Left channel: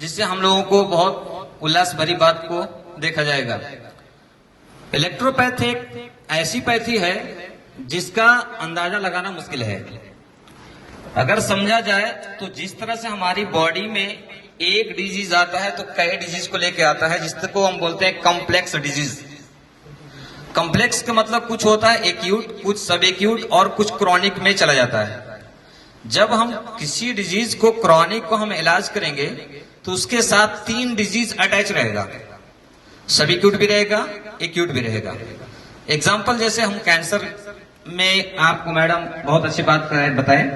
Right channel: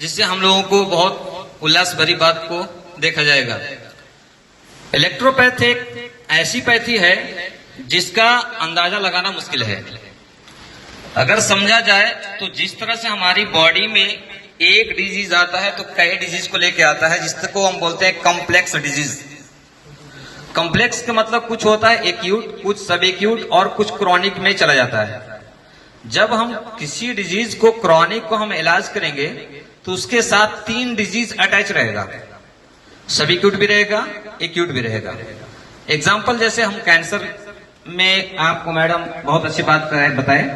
जिससे हम लोगों को बहुत उल्लास भरी बात को देखा जाएगा। इलेक्ट्रोपैथ एक ऐसी पैथी है जिसका अंदाजा लगाना मुश्किल है। अगर समझा जाए तो जिस तरह से हमारी बॉडी में एक डिजीज आता है तो कई डिजीज को लेके आता है, जिसको हम बोलते हैं कॉम्प्लेक्स डिजीज। कॉम्प्लेक्स का मतलब कुछ होता है एक्यूट, कुछ सब एक्यूट और कुछ क्रॉनिक में चला जाता है। जब हम किसी डिजीज को क्रॉनिक को हम इलाज करेंगे तो उसके साथ 3 डिजीज अटैच रहेगा, सब एक्यूट भी रहेगा, एक्यूट भी रहेगा। एग्जाम्पल जैसे हम कैंसर में, आपको मैडम बहुत अच्छी बात बताएं,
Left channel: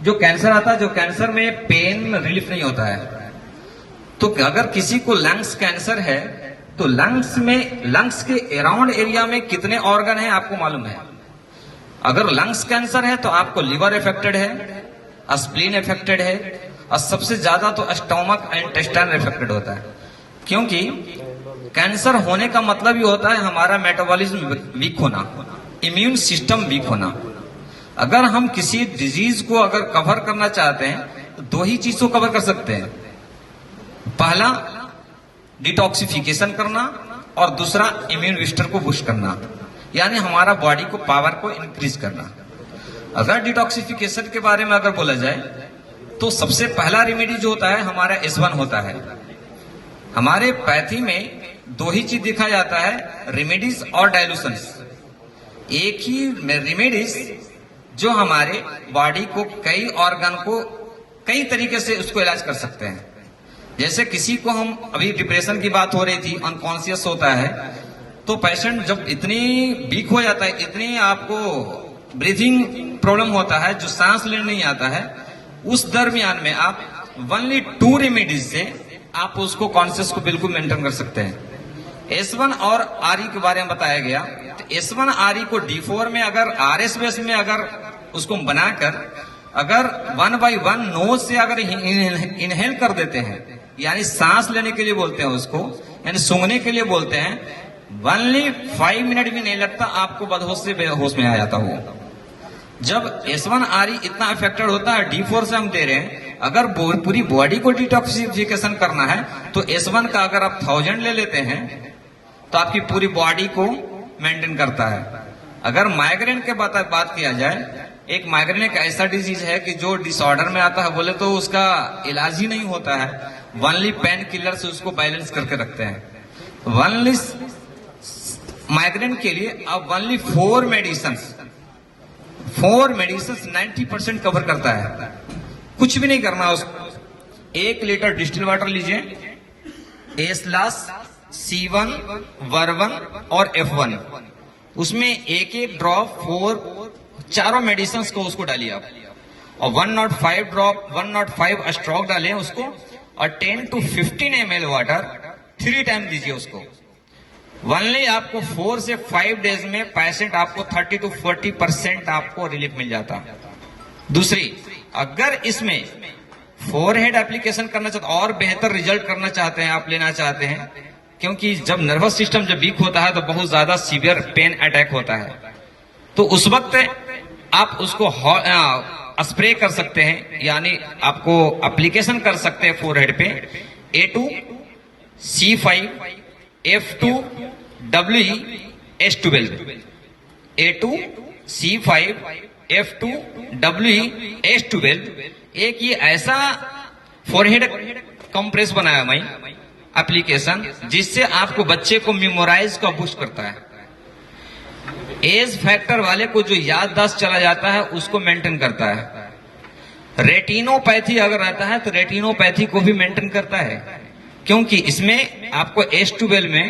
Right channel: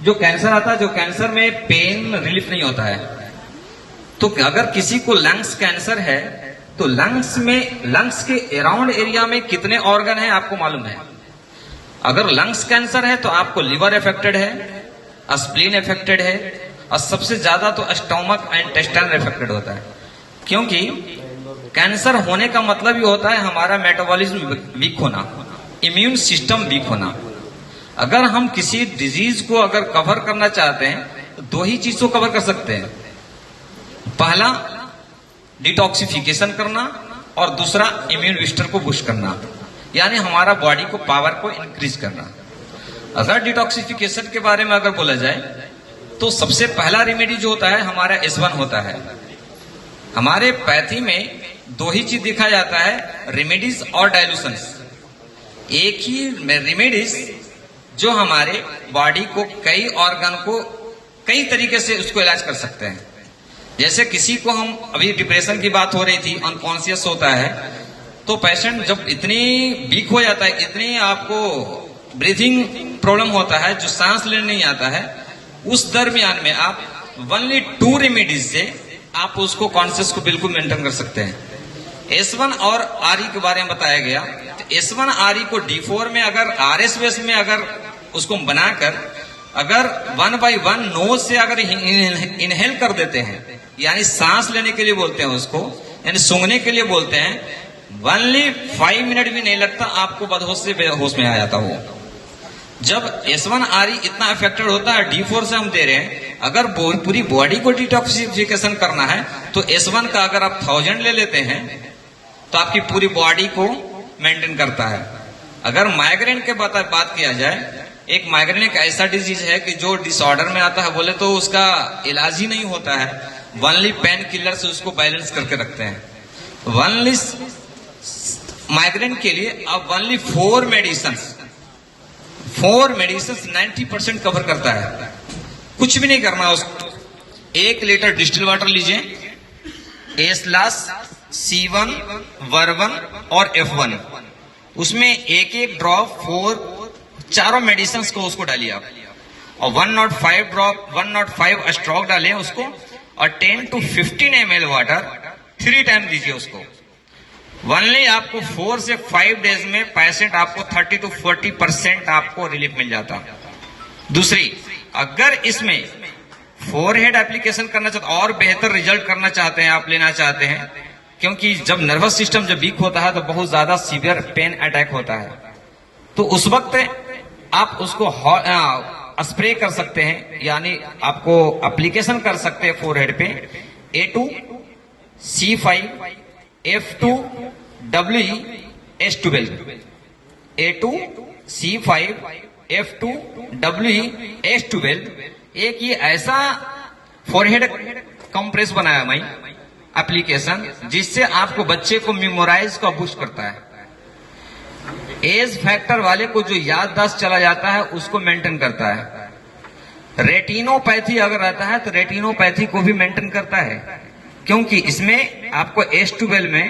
जो कैंसर आता है, जो कैंसर में पेन रिलीफ नहीं होता है, तो अगर किसी को लंग्स कैंसर है तो लंग्स के अराउंड एरिया में कितने ऑर्गन है आपको मालूम है? अगर लंग्स कैंसर है तो आपको लिवर अफेक्टेड है, स्प्लीन अफेक्टेड है और सबसे ज्यादा तो स्टोमक एंड इंटेस्टाइन अफेक्टेड होता है। क्योंकि कैंसर होने का मतलब ही होता है हमारा मेटाबॉलिज्म वीक होना, इम्यून सिस्टम वीक होना। अगर हम किसी डिजीज को अगर कवर करना चाहते हैं तो 2 ही चीज को कवर कर सकते हैं। पहला डिटॉक्सिफिकेशन करना और दूसरा इम्यून बूस्टर को बूस्ट करना, यानी हमारा बॉडी को पावर को इंक्रीज करना। अगर डिटॉक्सिफिकेशन के बारे में अगर बोला जाए तो सबसे पहला रेमेडी जो होता है हमारा S1 होता है। हमारे पैथी में 2 ही चीज देखा जाता है, रेमेडीज और डायल्यूशंस। एक ही रेमेडीज जो हमारे बॉडी को कई ऑर्गन को कई तरीके से उसको इलाज कर सकते हैं। जैसे किसी को, हम अभी डिप्रेशन की बात हो रही थी, अनकॉन्शियस होता है, तो पेशेंट जब इतनी वीक हो जाता है, इतनी आपको ब्रीथिंग प्रॉब्लम होता है, जो सांस लेने नहीं आता है, उस दरमियान में आप ओनली 2 रेमेडीज से आप उसको कॉन्शियस को बिल्कुल मेंटेन कर सकते हैं। S1 और RE के बारे में बताया गया। तो S1 RE को D4 में अगर RS बेस में अगर उसको बनाकर अगर 1 by 1 नोज से अगर इनहेल कर देते हैं, यानी सांस लेने के लिए बोलते हैं उसको, यानी सूंघने के लिए बोलते हैं, ओनली 5 मिनट भी नहीं लगता आपको बदहोश से बेहोश में आ जाता हो। जब S1 RE इतना इफेक्टेड होता है, D4 से हम दे रहे हैं, अगर पूरी बॉडी को डिटॉक्सिफिकेशन करना है तो S1 का अगर आप 1000 ले लेते हैं तो आपकी पूरी बॉडी को मेंटेन करता है। अगर माइग्रेन के बात किया जाए, एक माइग्रेन एक ऐसा डिजीज है कि जो डिसऑर्डर में आता है, बोले तो उसका इलाज ही नहीं होता है, ओनली पेन किलर से उसको बैलेंस करके रखते हैं। ओनली माइग्रेन के लिए अब ओनली 4 मेडिसिन 90% कवर करता है। कुछ भी नहीं करना उसको। 1 लीटर डिस्टिल वाटर लीजिए, एस्लास, C1, वर्वन और F1, उसमें एक ड्रॉप 4 मेडिसिन को उसको डालिए आप, और 105 स्ट्रोक डालें उसको, और 10 to 15 ml वाटर 3 टाइम दीजिए उसको। ओनली आपको 4 से 5 डेज में पेशेंट आपको 30 to 40% आपको रिलीफ मिल जाता है। दूसरी, अगर इसमें फोरहेड एप्लीकेशन करना चाहते और बेहतर रिजल्ट करना चाहते हैं, आप लेना चाहते हैं, क्योंकि जब नर्वस सिस्टम जब वीक होता है तो बहुत ज्यादा सीवियर पेन अटैक होता है, तो उस वक्त आप उसको स्प्रे कर सकते हैं, यानी आपको एप्लीकेशन कर सकते हैं फोरहेड पे। A2, C5, F2, WE, S12, A2, C5, F2, WE, S12। एक ये ऐसा फोरहेड कंप्रेस बनाया मैं एप्लीकेशन, जिससे आपको बच्चे को मेमोराइज का बूस्ट करता है। एज फैक्टर वाले को जो याददाश्त चला जाता है उसको मेंटेन करता है। रेटिनोपैथी अगर आता है तो रेटिनोपैथी को भी मेंटेन करता है, क्योंकि इसमें आपको S12 में